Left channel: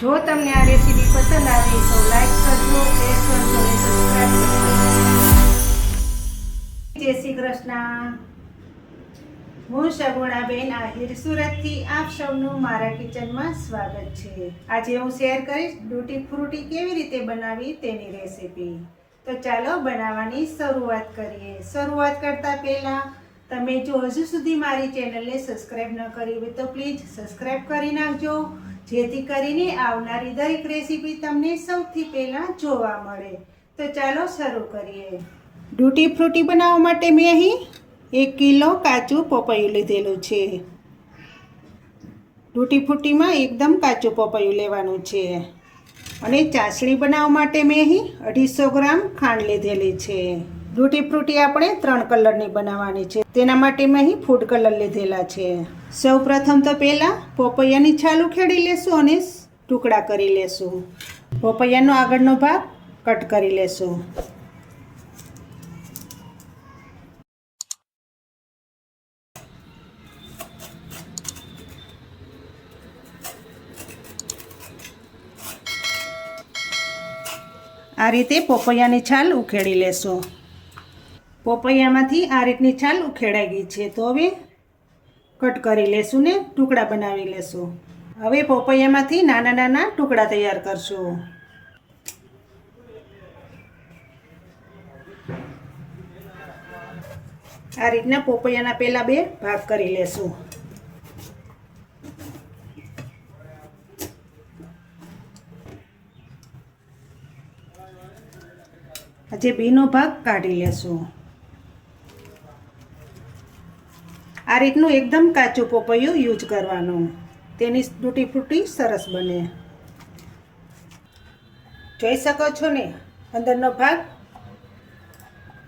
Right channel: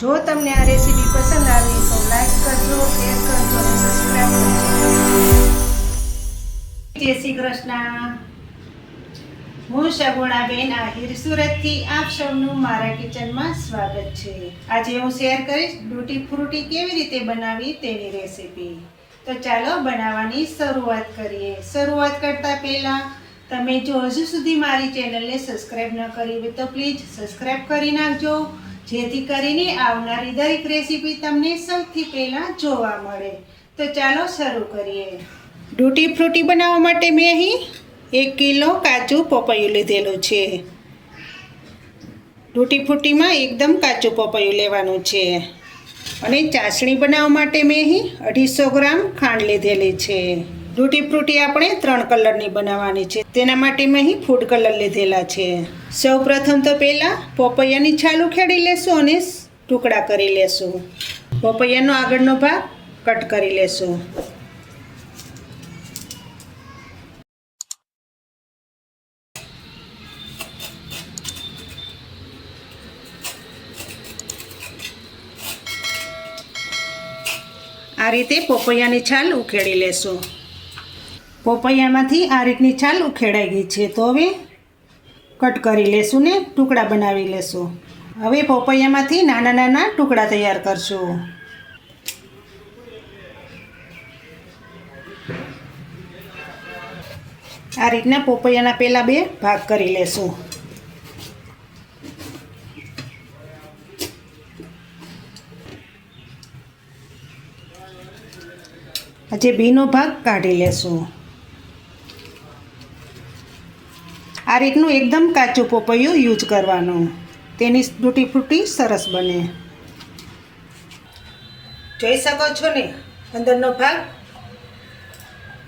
જો તમને આ રેસીપી પસંદ આવી તો લાઈક કરજો, શેર કરજો અને સબસ્ક્રાઇબ કરજો. જય શ્રી કૃષ્ણ. હું સગુણાબેન આહિર સુરતથી આપ સૌનું મારા કિચનમાં સ્વાગત છે. આજે હું શેર કરીશ ડૂટી ફ્રૂટી કેવી રીતે બનાવી તેની રેસીપી. તો ચાલો બનાવવાની શરૂઆત કરીએ. શરૂઆત કરતા પહેલા તમે જો હજુ સુધી મારી ચેનલને સબસ્ક્રાઇબ ન કરી હોય તો પ્લીઝ સબસ્ક્રાઇબ કરી નાખજો, જેથી કરીને આવનારી દરેક રેસીપી તમને સૌથી પહેલાં જોવા મળે. તો ચાલો શરૂ કરીએ. ડૂટી ફ્રૂટી બનાવવા માટે મેં અહીં 1 કિલો કાચું પપૈયું લીધેલું છે. ડૂટી ફ્રૂટીમાં એકદમ કાચું પપૈયું લેવાનું છે. અને ચાસણી બનાવવા માટે મેં અહીં 250 ગ્રામ ખાંડ લીધેલી છે. ડૂટી ફ્રૂટી આપણે 3 કલરની બનાવવાની છે, તેના માટે મેં અહીં ફૂડ કલર લીધેલા છે. સૌ પ્રથમ તો પહેલાં પપૈયાની છાલ ઉખેડી લેશું અને ટુકડા કરી લેશું. પપૈયાનો આગળનો ભાગ કટ કરી લેશું. આ રીતે પપૈયાની છાલ ઉખેડી લેશું. પપૈયામાંથી આ રીતની છાલ ઉખેડાઈ ગઈ છે, તો હવે કટ કરી લેશું ને ટુકડા બનાવી લેશું. હવે પપૈયામાંથી નાના નાના ટુકડા તૈયાર કરશું. આ રીતના પપૈયાના પહેલા 2 ભાગ કરી લેશું. આજે બીનો ભાગ કાઢી લેશું. આ રીતનું એકદમ કાચું પપૈયું યુઝ કરવાનું, તેની ડૂટી ફ્રૂટી સરસ બને. જોઈ શકો છો ને, અંદરનો ભાગ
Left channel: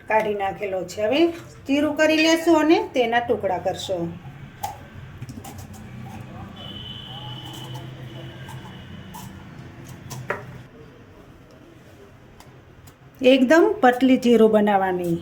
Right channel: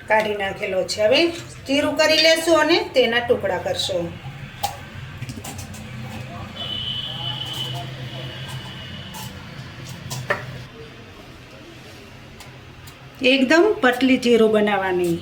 કાઢી નાખેલો છે. હવે ચીરું કરી લેશું અને તેના ટુકડા કરશું. એકદમ પતલી ચીરો બનાવવાની.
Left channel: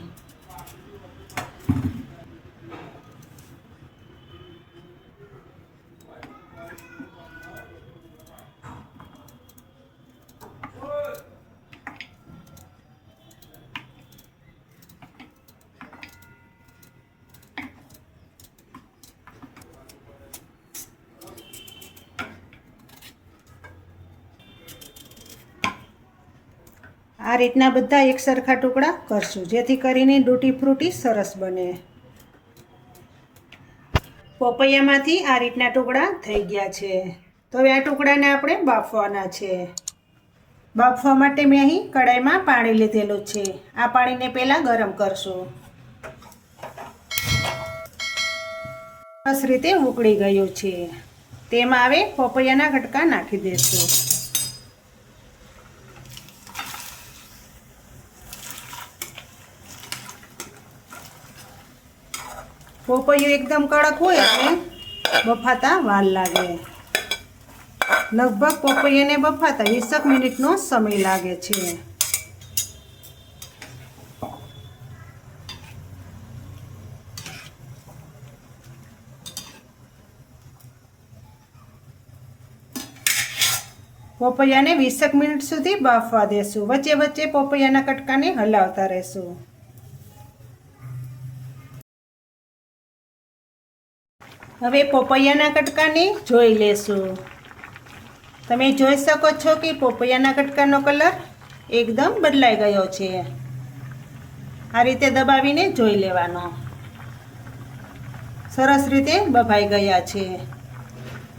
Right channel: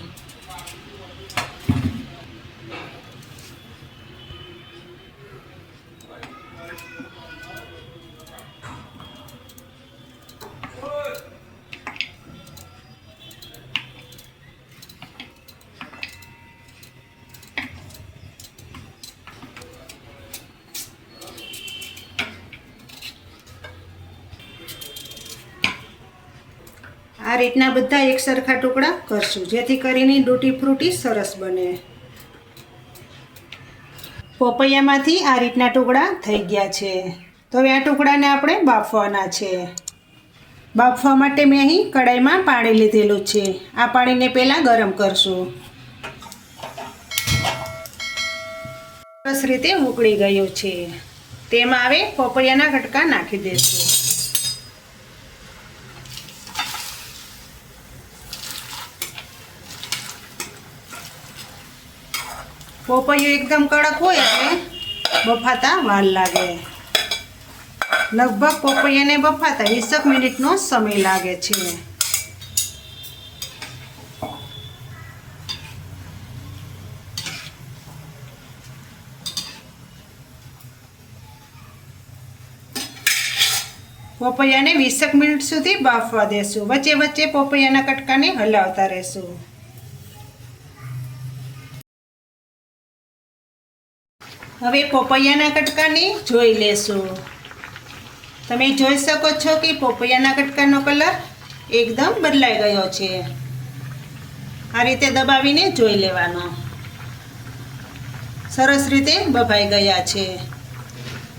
આ રીતના બધા એક સરખા ટુકડા કરશું, જેથી કરીને ડૂટી ફ્રૂટી સરસ બને. પપૈયામાંથી આ રીતના ટુકડા થઈ ગયા છે. તો હવે આ ટુકડાને આપણે બાફવાના છે. બાફવા માટે મેં અહીં કડાઈમાં પાણી લીધેલું છે. આ પાણીને પહેલાં ગરમ કરશું. સરસ રીતે ઉકળી ગયું છે. તેમાં હવે પપૈયાના કટકા નાખી દઈશું. પપૈયું એકદમ કડક હોય એટલે બફાતા વાર લાગે. લગભગ પપૈયાને બફાતા 20 મિનિટનો સમય લાગે છે. પપૈયાને 20 મિનિટ સુધી બાફવા દેશું. વચ્ચે વચ્ચે પપૈયાના કટકાને હલાવતા રહેશું. હવે પપૈયાના કટકાને જોઈ લેશું. તમે જોઈ શકો છો કે પપૈયાના કટકાનો કલર એકદમ બદલાઈ ગયો છે. આ રીતે દબાવીને જોઈ લેવાનો. સરસ રીતે બફાઈ ગયા છે.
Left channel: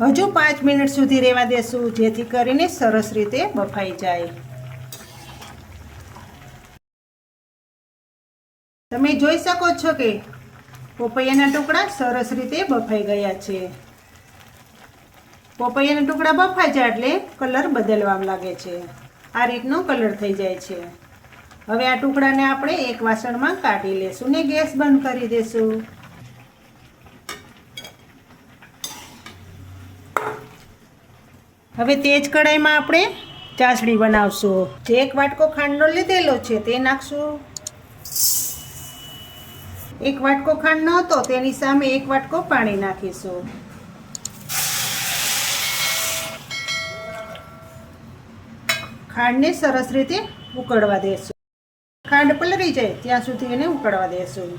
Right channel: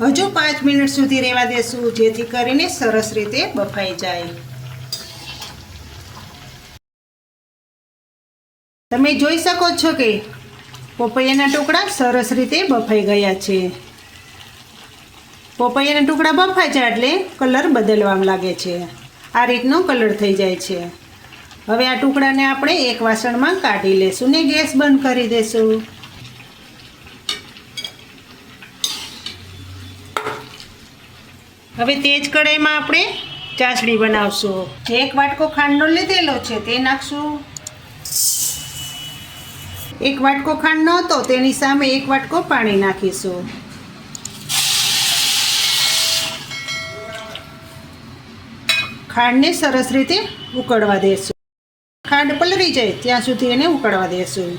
હજુ 5 મિનિટ સુધી રહેવા દેશું, જેથી કરીને સરસ રીતે બફાઈ જાય. તમે જોઈ શકો છો કે પપૈયાના ટુકડા સરસ રીતે બફાઈ ગયા છે. પપૈયાના ટુકડા બફાય છે એટલે કલર બદલવા લાગે છે. આ રીતનો કલર થઈ જાય છે. હવે આ ટુકડાને આપણે એક વાસણમાં કાઢી લેશું ને ગેસ બંધ કરી દેશું. હવે તે જ કઢાઈમાં આપણે ચાસણી બનાવશું. જે 1 વાટકો ખાંડનો લીધેલો છે તે નાખશું. 1 વાટકો ખાંડ ન હતો તેની સામે 1 વાટકો પાણી નાખીશું. ખાંડને સરસ રીતે ઉકળવા દેશું. ખાંડ પલળી જાય ત્યાં સુધી એને ઉકળવા દેશું.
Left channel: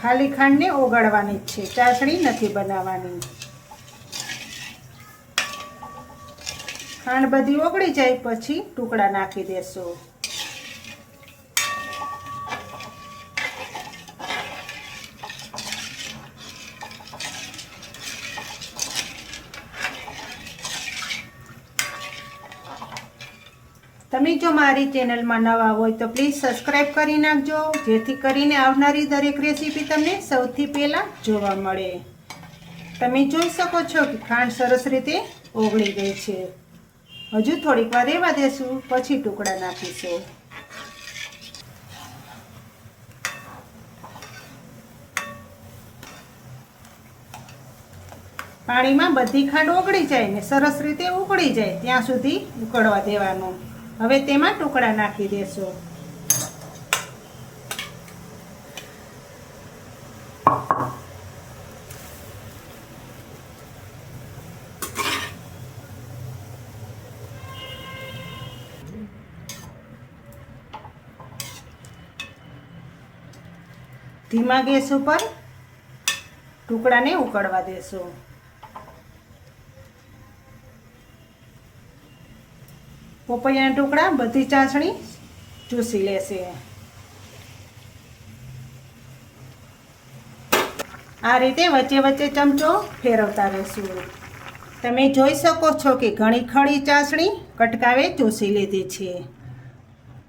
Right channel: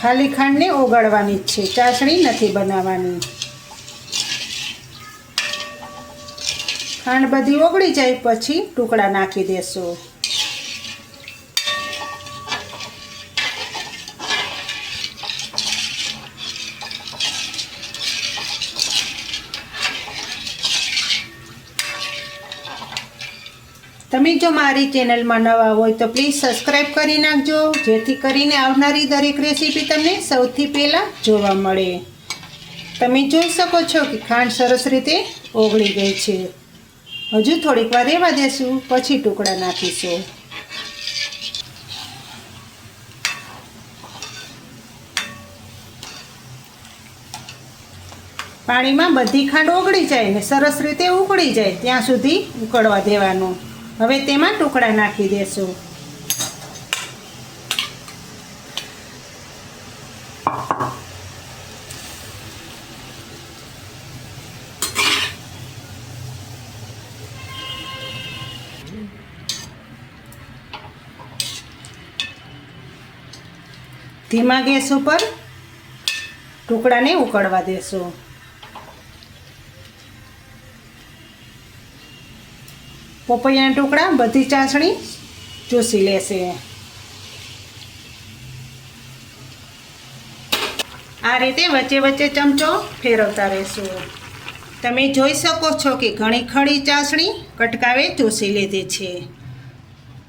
ખાલી ખાંડને ઓગાળવાની જ છે, ચાસણી નથી બનાવવાની. ખાંડ બધી ઓગળી જાય પછી ટુકડા નાખી દેશું. તમે જો મારી ચેનલમાં નવા હોય તો પ્લીઝ સબસ્ક્રાઈબ કરી નાખજો, જેથી કરીને આવનારી દરેક રેસીપી તમને સૌથી પહેલાં જોવા મળે. તમે જોઈ શકો છો કે ખાંડ સરસ રીતે ઓગળી ગઈ છે. હજુ થોડીક વાર રહેવા દેશું, પછી ટુકડા નાખીશું. પાણીમાં બધી ખાંડ ઓગળી જાય ને સરસ રીતે ઉકળી જાય ત્યાં સુધી ઉકળવા દેવાનું. હવે તેમાં ટુકડા નાખી દેશું. ધીમા ગેસ ઉપર ટુકડાને ઉકળવા દેશું. પપૈયાના ટુકડા બધી ચાસણી ચૂસી લેશે. આ રીતે વચ્ચે વચ્ચે ચમચો ફેરવતા રહેશું. તમે જોઈ શકો છો કે ઘણી ખડી ચાસણી કટકાવે ચૂસી લીધી છે.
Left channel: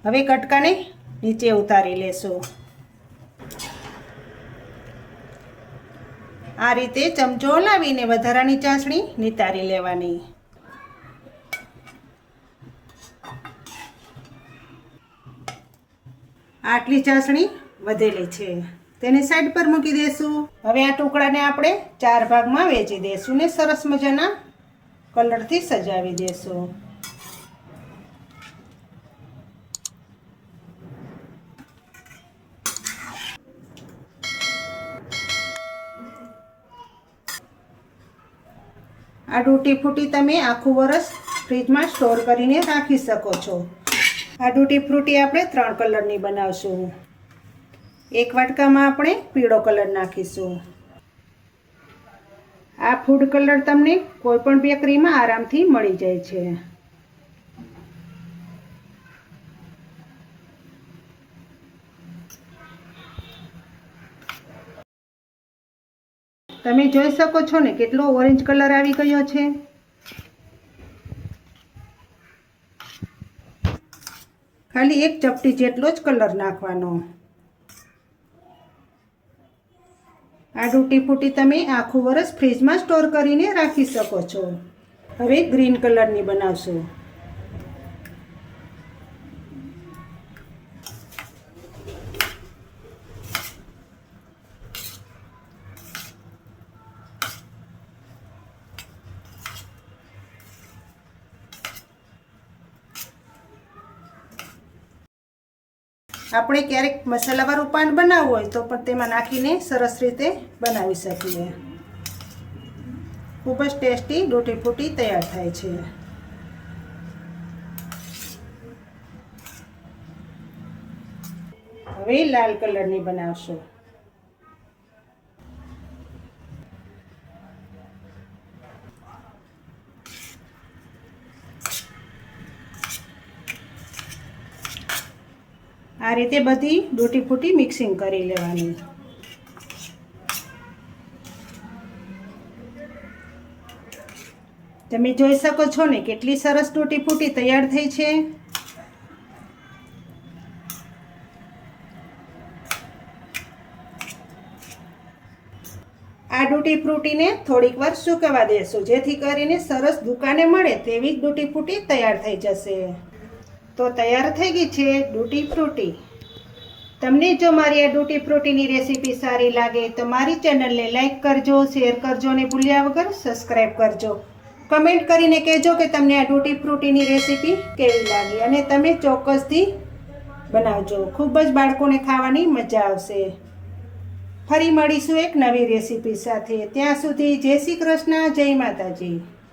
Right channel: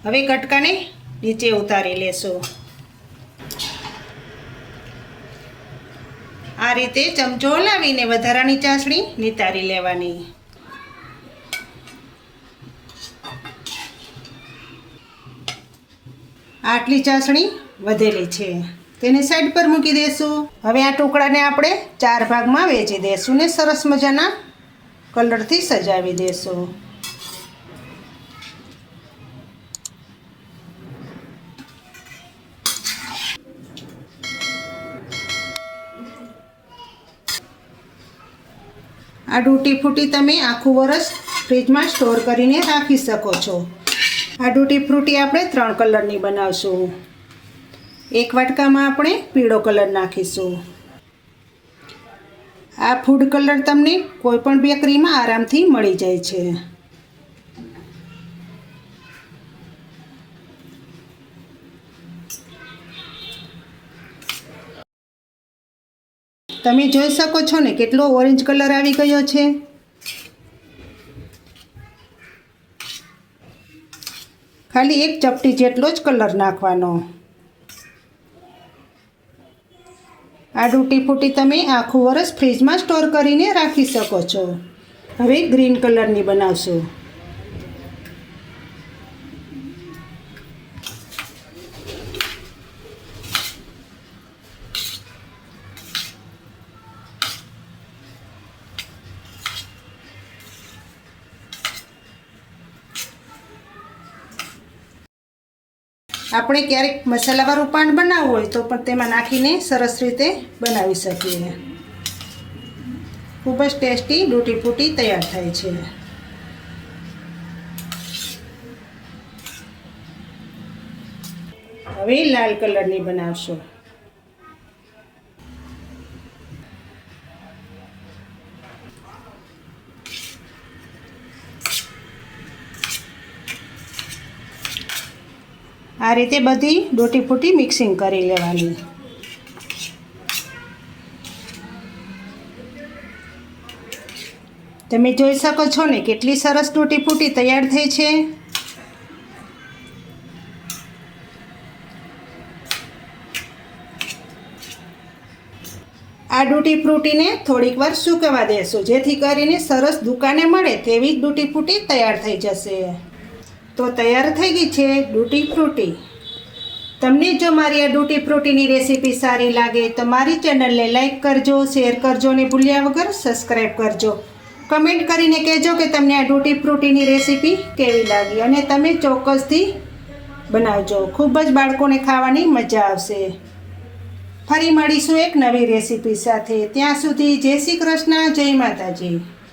હવે કટકાને નીચે ઉતારી લેશું. આ રીતે ચમચો હલાવીને વધારાની ચાસણી નિતારી લેવાની. આટલી ચાસણી વધેલી છે, તેને સાઈડ પર મૂકી દેશું. હવે આ ટુકડાને આપણે 4 ભાગમાં વહેંચી દેશું ને સરસ મજાના કલરથી સજાવી દેશું. આ તૂટી ફ્રૂટી તમે આખું વરસ ફ્રીજમાં સ્ટોર કરીને રાખી શકો છો. આ તૂટી ફ્રૂટી આપણે 3 કલરની બનાવશું. એક વાટકામાં આપણે પીળો કલર નાખીશું. આ ફૂડ કલર તમને કોઈ પણ બેકરીમાં આરામથી મળી જાય છે. તમે જોઈ શકો છો ને કેટલો ઓરેન્જ કલર આવી ગયો છે. ખાલી એક ચપટી જેટલો જ કલર નાખવાનો. આ તૂટી ફૂટી તમે આખું વરસ ફ્રીજમાં સ્ટોર કરીને રાખી શકો છો. હવે ગ્રીન કલરની બનાવશું. આપણે ક્યારેક મસાલાવાળું પાન બનાવવું હોય તો પણ તેમાં નાખીને સરસ રીતે બનાવી શકીએ. ખૂબ જ ટેસ્ટી તૂટી ફ્રૂટી તૈયાર થાય છે. હવે લાલ કલરની બનાવશું. આ રીતે બધી તૂટી ફૂટી મિક્સિંગ કરી લેવાની. તમે જોઈ શકો છો ને કેટલી સરસ તૂટી ફૂટી તૈયાર થઈ છે. આ તૂટી ફ્રૂટીને થોડીક વાર સૂકવવા દેશું, જેથી કરીને સરસ દુકાને મળે તેવી જ તૂટી ફૂટી તૈયાર થઈ જશે. તો તૈયાર થઈ ગઈ છે તૂટી ફ્રૂટી. તમને જો મારી આ તૂટી ફ્રૂટીની રેસીપી સારી લાગે તો મારી ચેનલને લાઈક કરજો, શેર કરજો અને ભૂલ્યા વગર સબસ્ક્રાઈબ કરજો. કમેન્ટ કરીને કહેજો કે તમને આ તૂટી ફ્રૂટીની રેસીપી કેવી લાગી અને તમે ચોક્કસથી બનાવજો. ખૂબ જ બાળકોને ખાવાની મજા આવશે. ફરી મળીશું એક નવી રેસીપી સાથે. ત્યાં સુધી જય શ્રી કૃષ્ણ, જય માતાજી.